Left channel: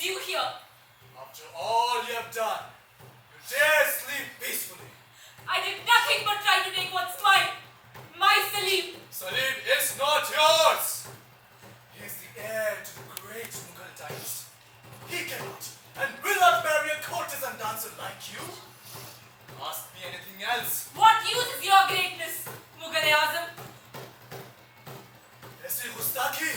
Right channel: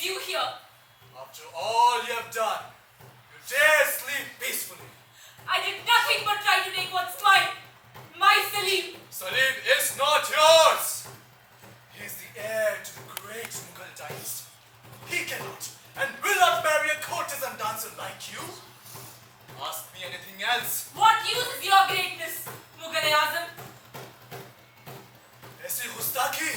brings you here? After all you have done, you dare sleep peacefully. I did nothing but try to take what's mine. My Salim. Salim is not yours. He is the heir to the great Mughal dynasty. He cannot and will not marry a courtesan dancer like you. Ask me anything else. What use is your greatness, Mughal-e-Azam? Aisi Gustaki.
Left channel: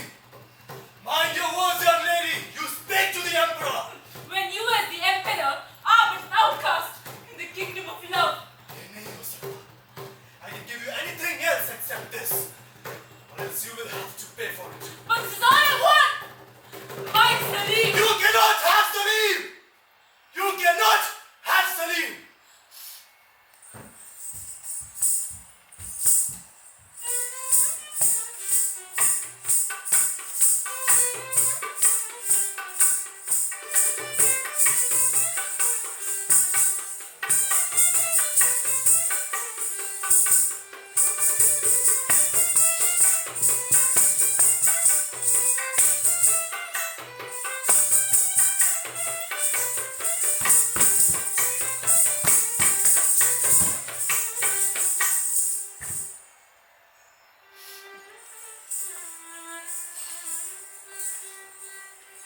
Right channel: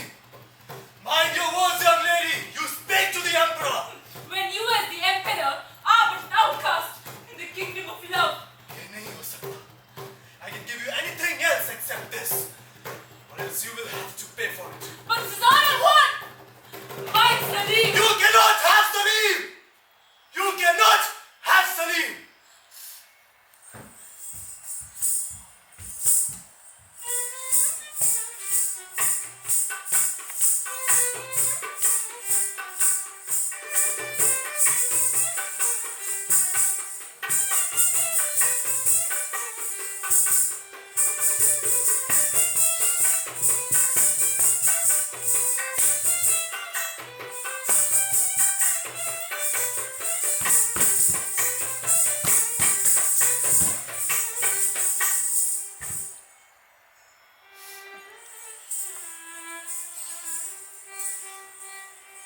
Mind your words, young lady. You speak to the emperor. When you as the emperor are but an outcast in the kingdom of love. Ye nahi ho sakta. I can give you anything else except this. Or else you will have to pay for it. But this is all I want. My Salim. You cannot have Salim! You cannot have Salim!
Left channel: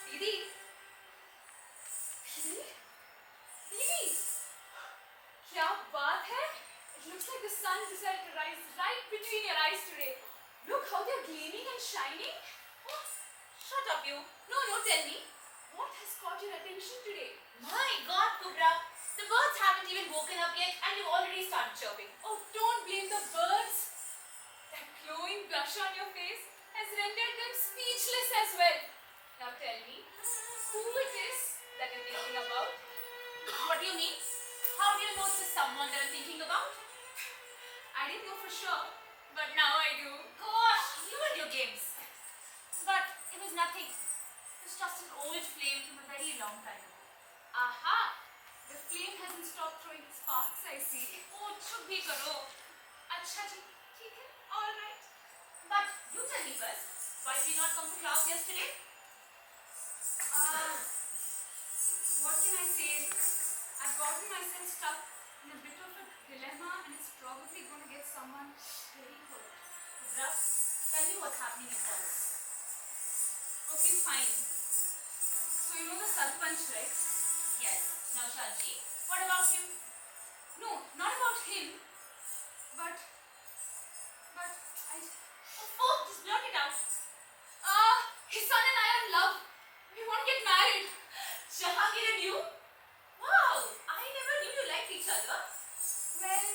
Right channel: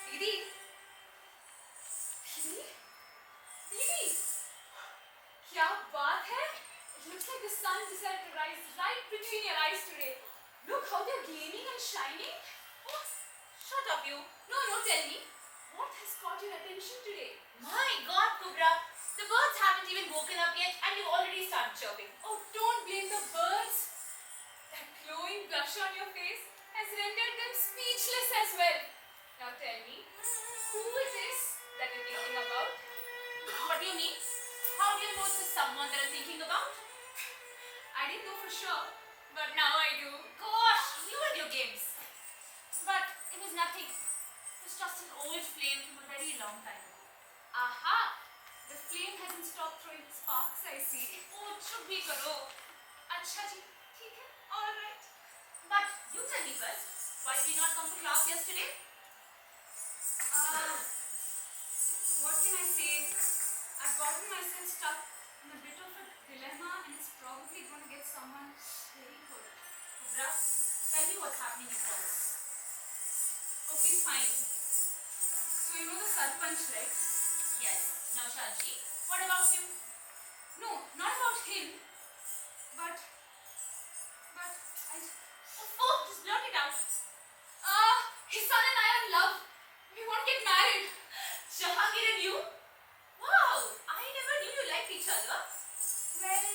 Didi. Didi. Didi. क्या बात है? It looks like the sun decided to rise right between your eyes today. Look how they're gleaming and shining. Oh, shut up, you. No, tell me. What has caught your attention today? My God, Kubra, the birds haven't even woken up yet and you've already started chirping. Oh, don't blame the birds. That glowing blush on your face has rendered them speechless as well. Now tell me, who it is that you're thinking about? What do you mean? How do you know it's someone that I'm thinking about? I didn't know for sure, but now I do. Gosh, you and your games. But it was nothing. It was just an old flame from a very long time ago. Aha! The flame hasn't stopped throwing sparks, I see. Oh, chup bhi karo. अच्छा जी, ठीक है, all right. But you tell me first, why did you not come to class yesterday? What can I say? I've gotten myself stuck in a bit of a dilemma and it's probably going to get someone very hurt. Kubra, tell me what's happening in class. Okay, fine. So you know the Sarpanch, right? Yes, Naushad ji. What about him? No, not about him. But I... Oh, just blurt it out. His son and I are in love. We want to get married. Jahangir and you? Wow, I never knew you liked each other. Well,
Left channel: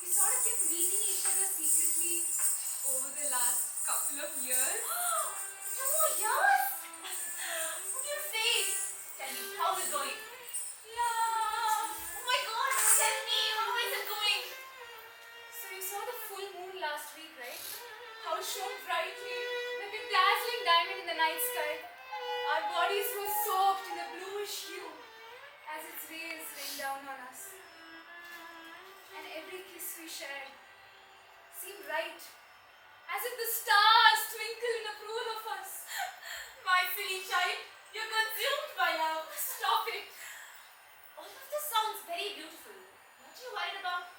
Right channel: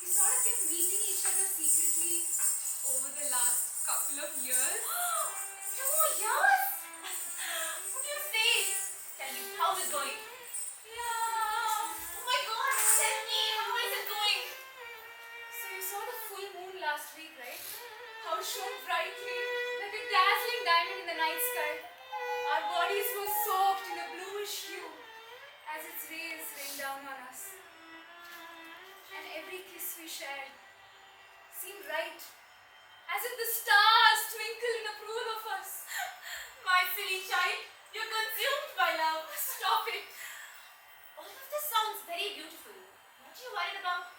we sort of kept meeting each other secretly over the last couple of years. 2 years? What do you say? Tell me, how's it going? Yeah. Oh my God, tell me, how is it going? So you saw the full moon last week, right? How it shone brightly, like a dazzling diamond in the night sky. Our bodies were soaked in a bluish hue as its rays rained down on us. And every kiss we shared seemed right, as if the stars twinkled in approval of us. My silly child, you're consumed by love. Stop it! All of this sounds very beautiful. What are you worried about?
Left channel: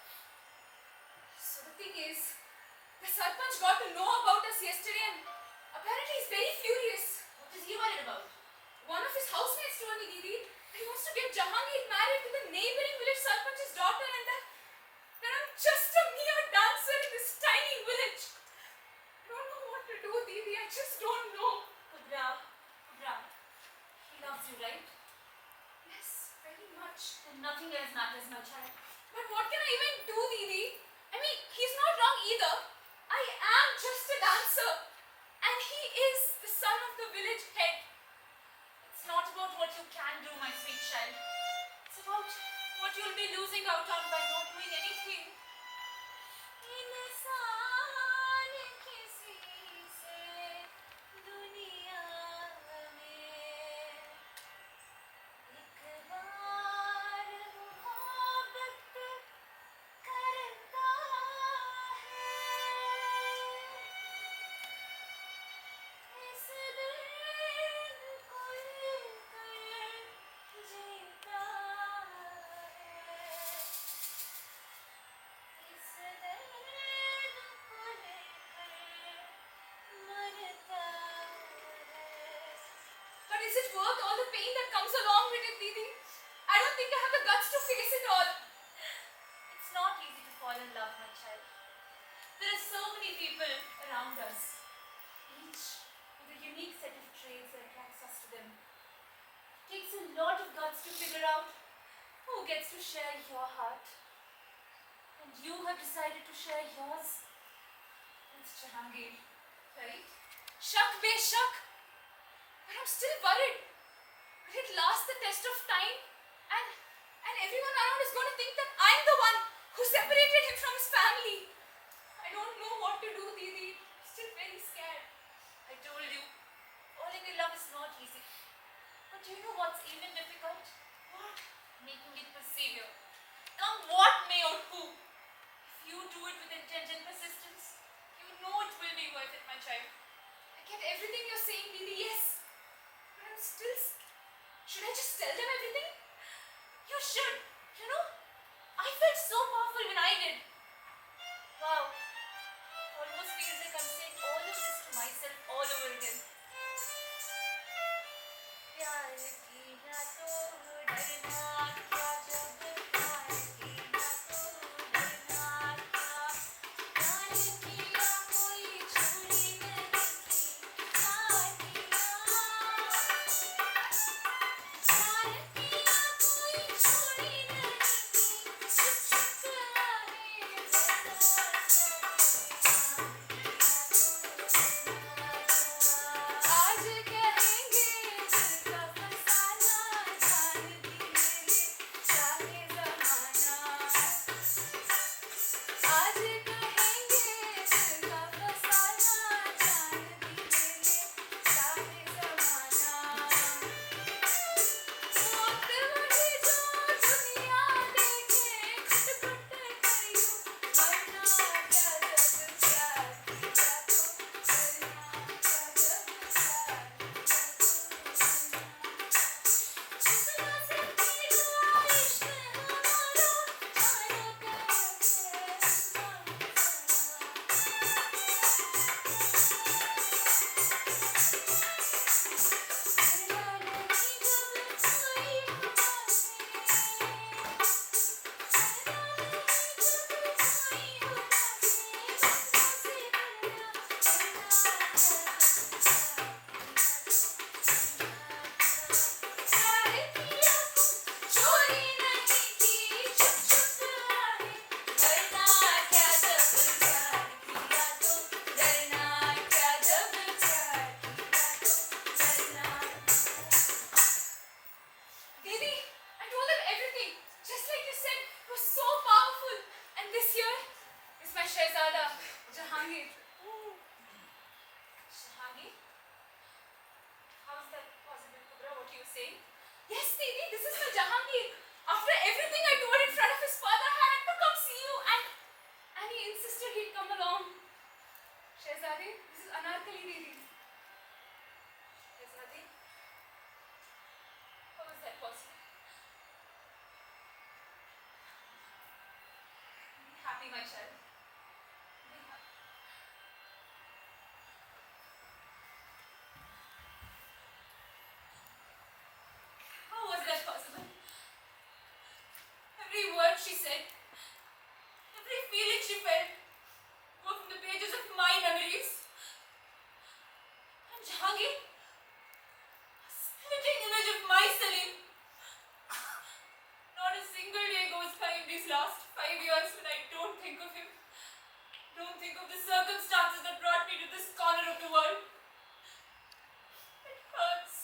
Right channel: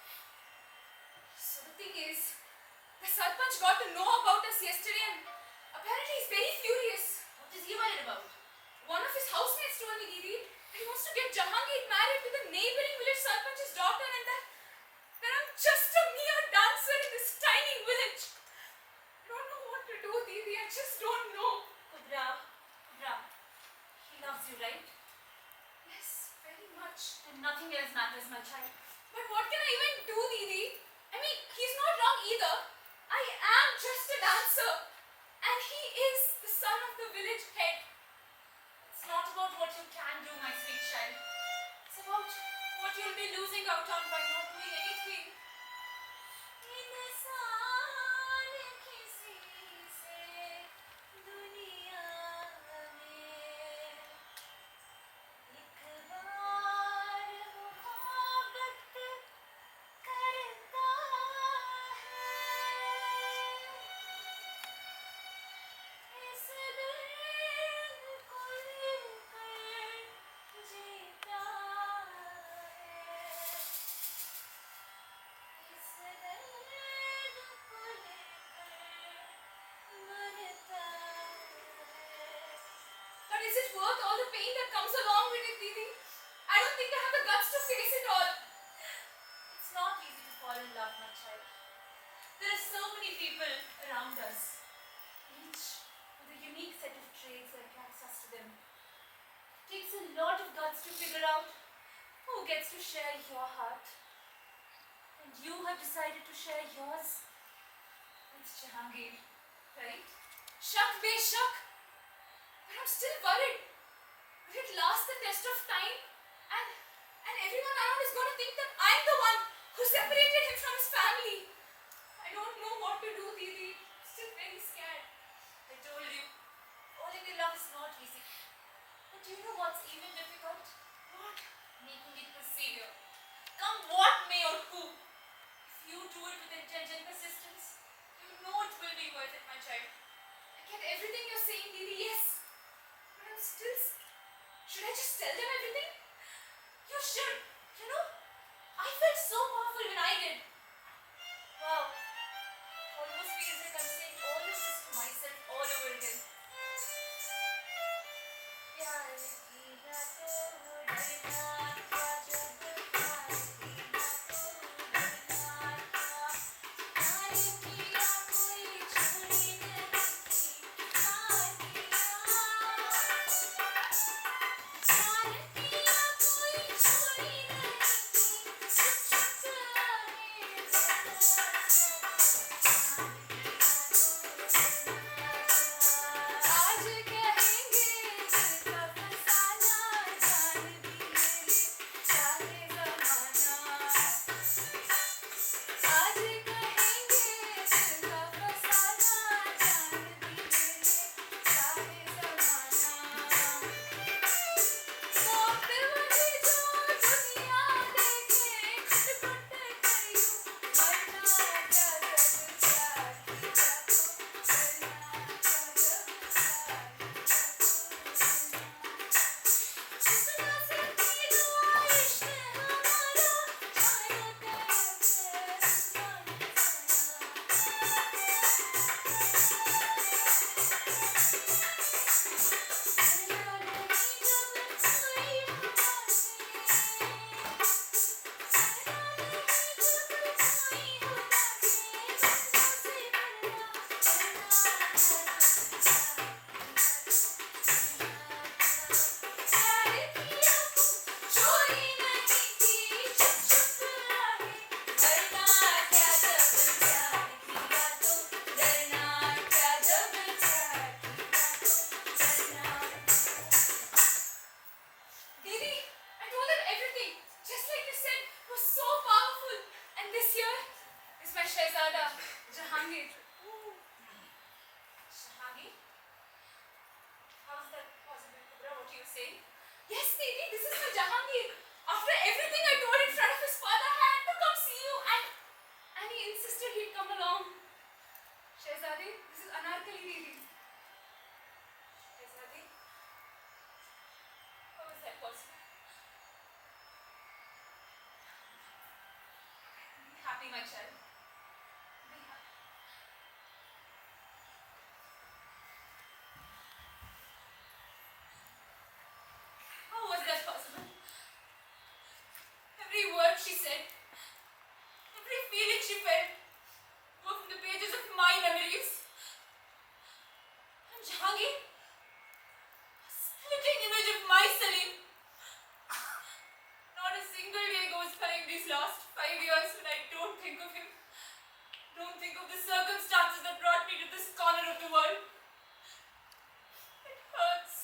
So the thing is, the Sarpanch got to know about us yesterday and apparently he's very furious. What is he worried about? One of his housemates told me, Didi, that he wants to get Jahangir married to the neighboring village Sarpanch's daughter and that I'm just a mere dancer in this tiny village. I don't know what to do, Didi. I just don't know. Kubra, he loves you, right? Yes, very much. And nothing else matters, my child. But what can I even do, Didi? I mean, he's not wrong either. I am just a dancer. And he is the son of the village head. It's not about what you can do, my sweet child. It's about what you'll be losing out on by not doing anything. इंसान किसी से दुनिया में एक बार मोहब्बत करता है इस दिल को worth all the pain that comes along with it, Didi? I don't think I have the guts to face it all. It's not easy to fall in love, my child. There are so many people around us, each with a unique set of traits that attracts us to them. It takes a lot of guts to figure out who gets to share your heart. And you have decided to share yours with Jahangir, right? Shak be shak. But I'm still worried. Will it last the test of time? And everyone around is going to think that I'm the one who separated him from his family. I don't know what to do, Didi. I'm still very scared. I told you, falling in love is not easy. But do you know what's even difficult? What? Making it persevere. Come what may or who. If you do it with intent and persistence, you know it will be worth it, my child. I get everything you're saying, Didi, yes. But I'm still. Should I just tell them everything? You should. You know, I felt so powerful when I did. Wow. It almost feels like I'm saying all of this to myself all over again. प्यार किया तो डरना था जब प्यार किया तो डरना था प्यार किया कोई छुरी नहीं की प्यार किया कोई छुरी नहीं की छुप छुप आज कहेंगे दिल का फसाना, जान भी ले ले चाहे ज़माना। आज कहेंगे दिल का फसाना, जान भी ले ले चाहे ज़माना। वक्त मुझे जो दुनिया देखे घुट-घुट कर यूं मरना क्या जब प्यार किया तो डरना क्या जब प्यार कितना से पीला इश्क हमारा जाने कैसे डरना नहीं जब कोई चोरी नहीं की छुप छुप आए डरना क्या जब प्यार किया तो डरना क्या जब प्यार किया तो डरना। Didi, I told them everything, just like you said. It was so powerful. And this here is my Shehzada, Jahangir. Shahangir? How is that possible, Kubra? What are you saying? Yes, Didi, this is my Jahangir. After everything I told in front of his father, I had to come see you, and he insisted he'd come along. Shehzade, this is Anarkali, Didi. Shehzadi? How is that possible? Be happy, my child. Be happy. How was that possible? Every word she said, every feeling she felt, were from the pages of my memories. And Jahangir, a splitting image of my Salim. Not a single day goes by in these last 5 years when I don't think of him. Don't think of the circumstances that brought me to this corner of the world. It hurts.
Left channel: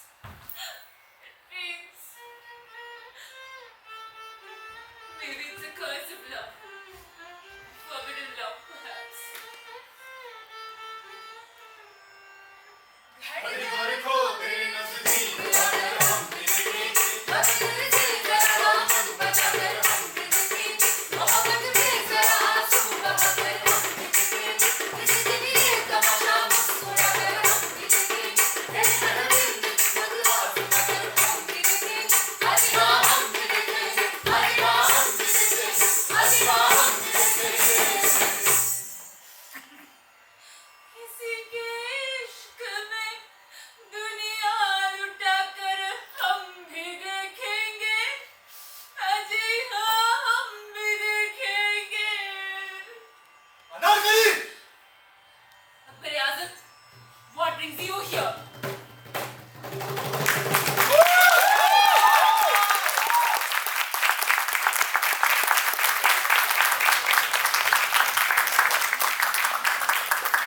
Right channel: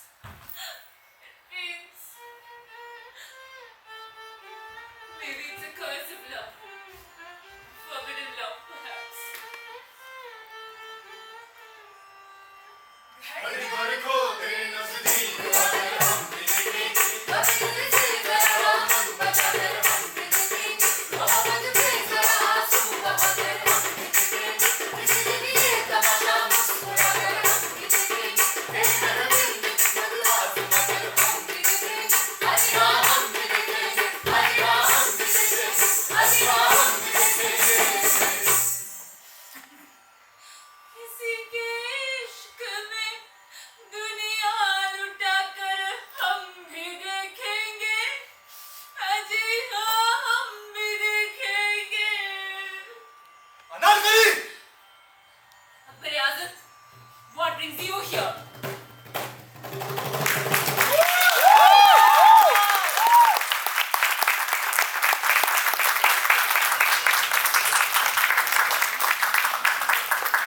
It pains. Maybe it's a curse of love. Forbidden love, perhaps. हरी भरी को तेरे नजदीक आकर हम मिलेंगे। बस तुझसे जरा हम बचाकर हम जिंदगी मोहब्बत में जरा आंसू बहाकर हम जिंदगी किसी दिन ये तमाशा मुस्कुराकर हम जिंदगी रहना दिल में बदला मगर हम जिंदगी हरी हम जिंदगी हरी हम जिंदगी हरी brings you here?